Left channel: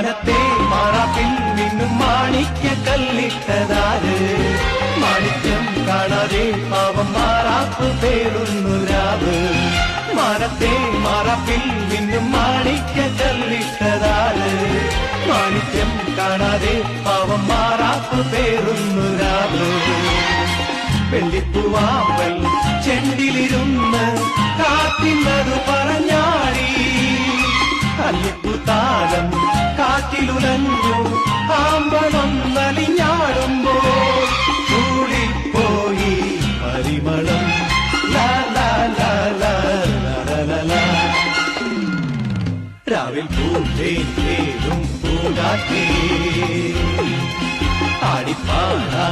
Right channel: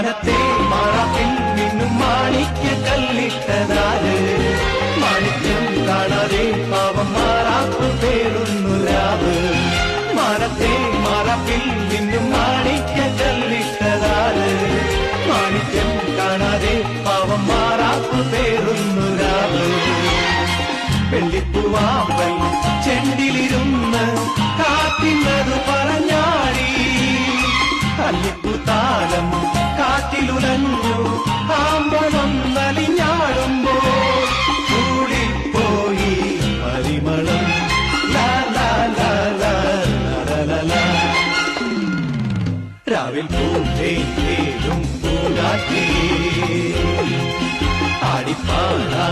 മാനത്തെ മാറാക്കിൽ നിന്നും മാണിക്യ കല്ലിട്ടതാവ് മാണിക്യം കാണാതെ പാവം മാറാക്കു പേരുന്നു രാവ് മാനത്തെ മാറാക്കിൽ നിന്നും മാണിക്യ കല്ലിട്ടതാവ് മാണിക്യം കാണാതെ പാവം മാറാക്കു പേരുന്നു രാവ് വെള്ളിപ്പൂവാകൾ ചെണ്ടിലിരുന്ന് കാറ്റിനോട് പറഞ്ഞാടി കല്ലിപ്പൂത്താലം കാറ്റിലുടന്നു ആമ്പലൊന്നലിഞ്ഞാടുമ്പോ കൂടിപ്പോയി ഹരിമളം രാവിൽ പൂവേലും പൂങ്കാറ്റേ ആടിപ്പാടാ